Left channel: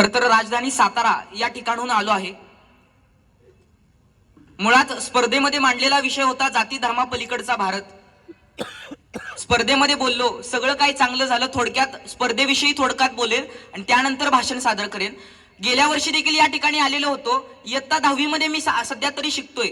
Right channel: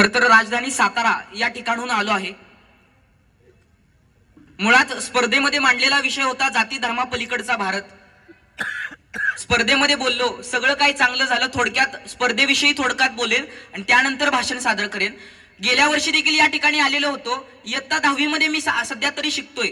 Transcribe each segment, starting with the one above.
खर तर राजधानी सातारा या ठिकाणहून आलो आहे मुळात स्पर्धेमध्ये मांडलेला विषय होता जाती धर्मापलीकडचा भारत स्पर्धेमध्ये बोललो सगळं काही चांगलं झालं थोडक्यात स्पर्धेविषयी थोडक्यात बोलेन आणि त्यानंतर भाषण सादर करेन गेल्या वर्षी देखील या ठिकाणी आलेलो होतो इयत्ता दहावीमध्ये मी सध्या तरी शिकतोय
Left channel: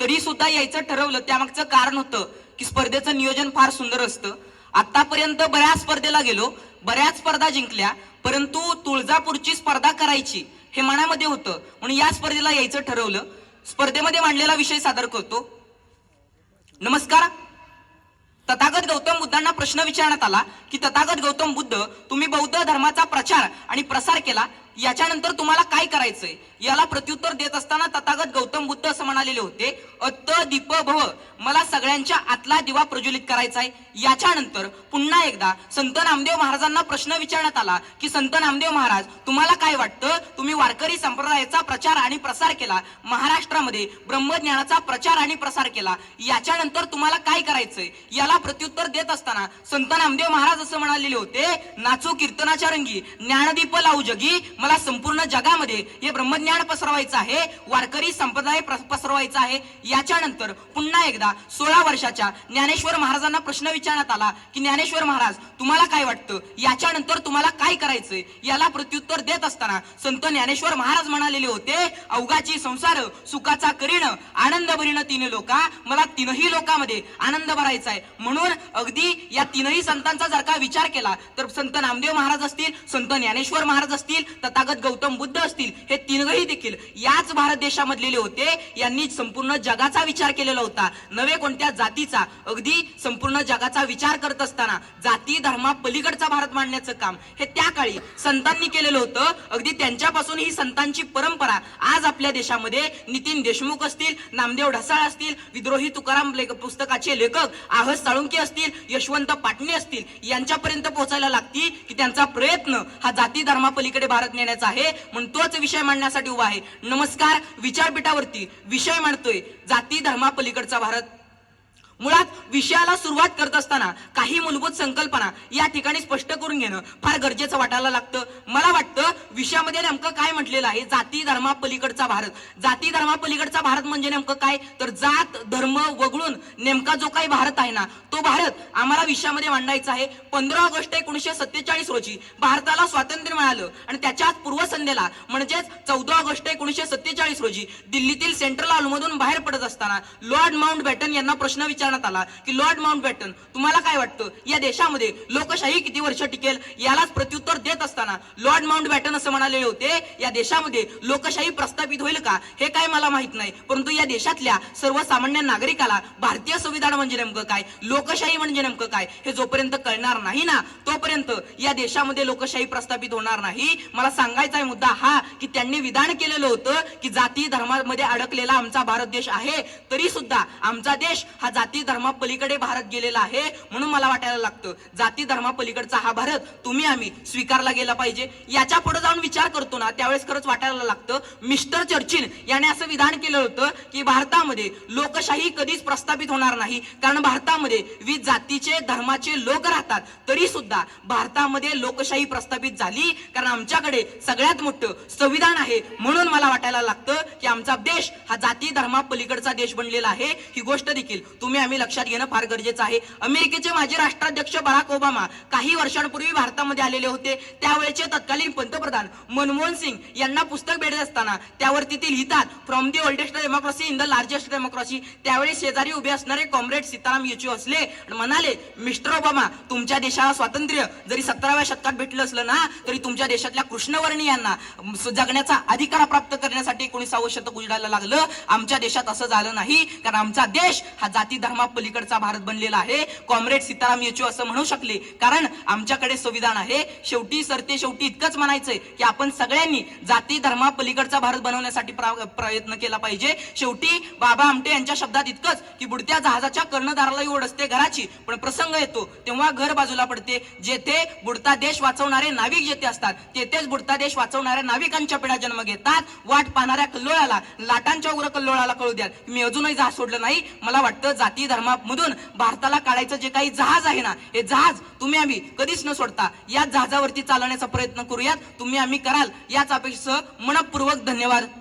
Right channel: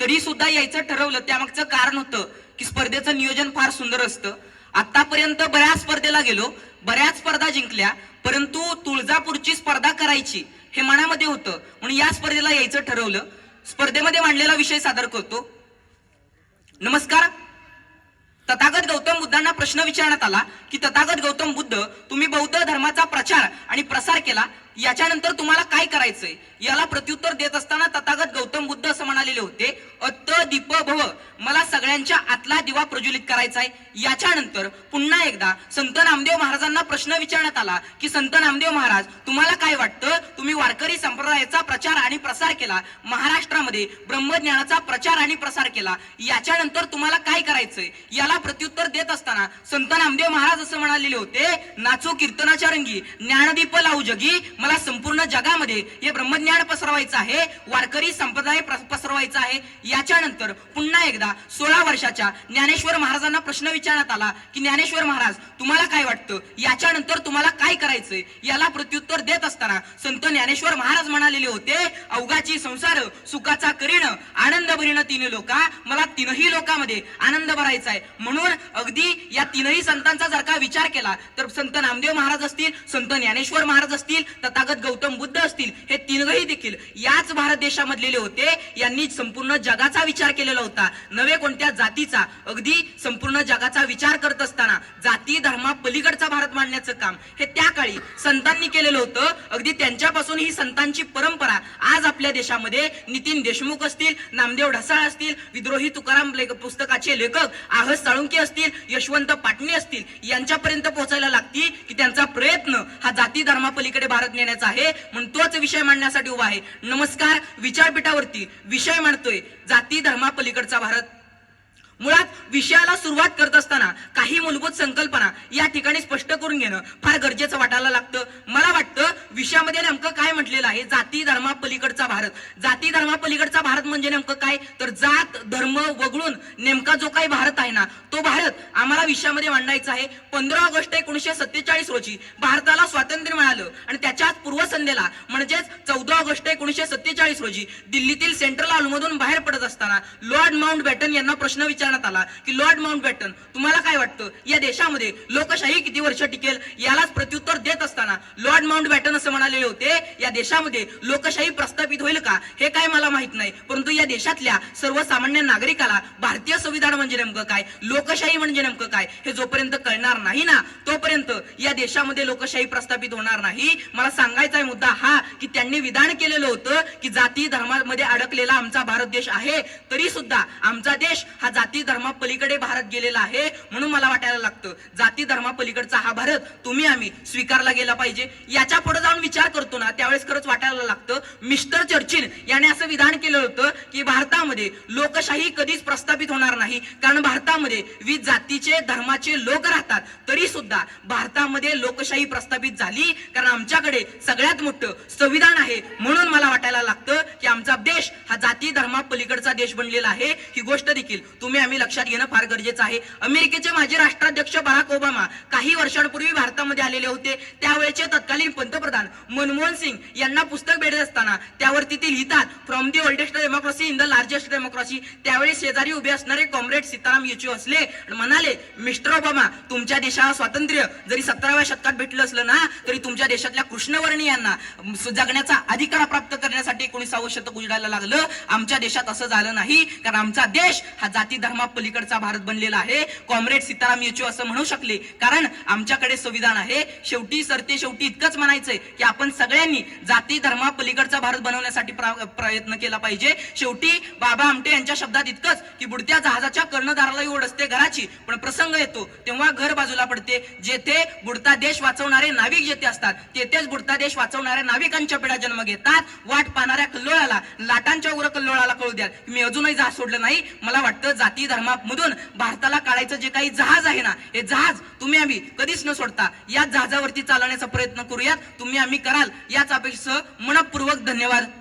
तरी सुद्धा यायचं ठरवलं त्यामागचं कारण होतं की स्पर्धेचं नियोजन फार सुंदर असतं आतापर्यंत बऱ्याच स्पर्धेला गेलो बऱ्याच स्पर्धा जिंकल्या परंतु तुळजापूरची स्पर्धा करायची हे मनामध्ये होतं म्हणून या स्पर्धेला यायचं ठरवलं स्पर्धेमध्ये मांडलेला विषय सादर करतो नमस्कार तथागत गौतम बुद्धांना प्रश्न विचारण्यात आला की तथागत गौतम बुद्ध तुम्ही बौद्ध धर्माचा प्रचार आणि प्रसार केला याच्यानंतर तुम्हाला काय करायचंय याला प्रत्युत्तर देत असताना तथागत गौतम बुद्ध आलेले होते अत दीप भव मला सगळ्यांच्या आतला दिवा प्रज्वलित करायचा आहे याच्यानंतर पुन्हा एकदा संत नामदेव महाराजांना प्रश्न विचारण्यात आला की संत नामदेव महाराज तुम्हाला काय वाटतं तुम्ही वारकरी संप्रदायाचा प्रचार आणि प्रसार केला महाराष्ट्रामध्ये ब्रह्मज्ञानाचा प्रचार आणि प्रसार केला याच्यानंतर तुम्हाला काय करायचंय याला प्रत्युत्तर देत असताना संत नामदेव महाराज असं म्हणालेले होते नाचो कीर्तनाच्या रंगी ज्ञानदीप लावू जगी मला संपूर्ण जगामध्ये हे ब्रह्मज्ञान पसरवायचं आहे वारकरी संप्रदाय ठरवायचा आहे याच्यानंतर पुन्हा एकदा सोळा वर्षाच्या ज्ञानेश्वर महाराजांना प्रश्न विचारण्यात आला की ज्ञानेश्वर महाराज तुम्हाला काय वाटतं याच्यानंतर तुम्हाला काय करायचंय याला प्रत्युत्तर देत असताना संत ज्ञानेश्वर महाराज म्हणालेले होते अवघाची संसार सुखाचा करीणं आनंद भरिणं तीन लोका मला तीनही लोकांमध्ये आनंद भरायचा आहे म्हणून अगदी या तीनही संतांचा जर का विचार केला तर संत नामदेव महाराज असतील संत ज्ञानेश्वर महाराज असतील तथागत गौतम बुद्ध असतील हे तीनही देखील याच भारत देशामधलेले होते यांनी त्यांनी संपूर्ण जगाचा विचार केलेला होता नवे कोणत्या जातीचा अगदी संपूर्ण जगाचा विचार करत असताना जाती धर्मा पलीकडचा भारत मांडण्याचं काम हे त्या काळी संतांनी केलेलं होतं अगदी त्यांच्यापासून ही संतांची परंपरा आज आपल्या देशामध्ये नितीन देशमुख असतील नामदेव ढसाळ असतील विद्रोही तुकाराम पुस्तकाचे लेखक आहस साळुंके असतील यशवंत पाटणे असतील यांच्यापर्यंत पोहोचायला लागती की त्यांचा प्रयत्न हा जाती धर्मापलीकडे भारत नेण्याचा आहे म्हणून तोच विषय मांडण्यासाठी उभा आहे नमस्कार विचारपीठावरती विषय विषय मांडतोय जाती धर्मापलीकडचा भारत मुळात विषयाला सुरुवात करत असताना काही मूलभूत संकल्पना या ठिकाणी स्पष्ट करून घेणं फार गरजेचं वाटायला लागतं मला वाटतं विषयामध्ये नेमकं काय म्हटलेलं आहे जाती धर्मापलीकडचा भारत जाती धर्मापलीकडचा भारत म्हणजे नेमकं काय तर जात धर्म वगळून नेमका जो काही भारत आहे ना तो भारत आम्हाला विषयामध्ये मांडायचा आहे पंधरा ऑगस्ट एकोणीशे सत्तेचाळीस रोजी भारताला स्वातंत्र्य मिळालं आणि त्याच्याच पूर्वसंध्येला म्हणजेच चौदा ऑगस्ट एकोणीशे सत्तेचाळीस रोजी दिल्लीतील सेंट्रल हॉलमधून बाहेर पडत असताना लॉर्ड माउंट बॅटन यांना प्रश्न विचार विचारण्यात आला की लॉर्ड माउंटबॅटन तुम्हाला काय वाटतं या देशामध्ये लोकशाही किती वर्ष टिकेल यालाच प्रत्युत्तर देत असताना लॉर्ड माउंटबॅटन असं म्हणालेले होते या देशामध्ये लोकशाही प्रस्थापित होईल का हे काय मला माहित नाही परंतु या देशातल्या सर्वसामान्य नागरिकाला भारतीय संविधान म्हणजे नेमकं काय लोकशाही म्हणजे नेमकं काय हे जोपर्यंत कळणार नाही ना तोपर्यंत या देशामध्ये लोकशाही प्रस्थापित होणार नाही मला सांगायचा मुद्दा हा की त्यांनी विधान केलेलं होतं की जाती धर्मामध्ये अडकलेला आमचा भारत देश आहे तरी सुद्धा आमचा देश हा जाती जाती धर्मापलीकडे भारत गेलेला आहे म्हणून मला वाटायला लागतं जाती धर्मापलीकडचा हा भारत तुम्ही आम्ही स्वीकारला गेला पाहिजे याच्या पुढे जाऊन विचार करतो ना त्यावेळेस खरंच वाटायला लागतं मिस्टर चर्चिन याने असं विधान केलं होतं की भारतामध्ये लोकशाही कधीच प्रस्थापित होणार नाही कारण भारतामध्ये विविध जातीचे धर्माचे लोक राहतात तरी सुद्धा भारतामध्ये लोकशाही प्रस्थापित झाली कारण आमच्याकडे सगळ्यात मोठं संविधान आहे म्हणून मला वाटायला लागतं आमचा देश हा जाती धर्मापलीकडचा देश बनलेला आहे ही गोष्ट देखील तुम्ही आम्ही लक्षात घेणं फार गरजेचं आहे अमेरिकेचे माजी राष्ट्राध्यक्ष बराक ओबामा काही वर्षांपूर्वी भारतामध्ये आलेले होते त्यावेळेचे तत्कालीन पंतप्रधान मनमोहन सिंग यांना पुस्तक भेटत असताना त्यावरती ते लिहितात from the oldest democracy in the largest democracy त्यावेळी शेजारी उभे असणारे कॉम्रेड सीताराम येचू असले म्हणाले मिस्टर ओबामा तुमच्या देशाला स्वातंत्र्य जरी सतराव्या शतकात भेटलं असलं ना तरी तुमच्या देशातल्या कृष्णवर्णी यांना जगण्याचा अधिकार प्राप्त करण्यासाठी एकोणीसावं शतक उजडायला लागलं आमच्या देशात असं झालं नाही कारण आमचा देश हा जाती धर्मा पलीकडचा भारत बनलेला आहे कॉम्रेड सीताराम येचू असं म्हणू शकले कारण आमच्याकडे संविधान आहे शेवटी सरते शेवटी इतकंच म्हणायचंय की आपण सगळ्यांनी जाती धर्मा पलीकडचा भारत बनवण्यासाठी प्रयत्न केला पाहिजे शेवटी बाबा आमटे यांच्या शब्दात इतकंच की बुडत्या जहाजाच्या कर्णधारालाही ओढ असते घराची पण प्रसंग येतो तेव्हा घर बाजूला पडते जेथे बुडता देश वाचवणारे नाविक जेथे असतात तेथेच बुडता देश वाचवणाऱ्या नाविकांच्या पिढ्या जन्म घेतात वाट पाहणाऱ्या कल्लोळाला द्या लाटांच्या कल्लोळाला कळू द्या मी अजूनही जहाज सोडलं नाही मला वाटतं जाती धर्मामधून भारताला काढायचं जे काही जहाज आहे ना हे जहाज तुम्ही आम्ही कधीच न सोडता या जहाजावरती चालवण्याचा प्रयत्न करूयात तुम्ही आम्ही कराल याच अपेक्षेसह मनपूर्वक धन्यवाद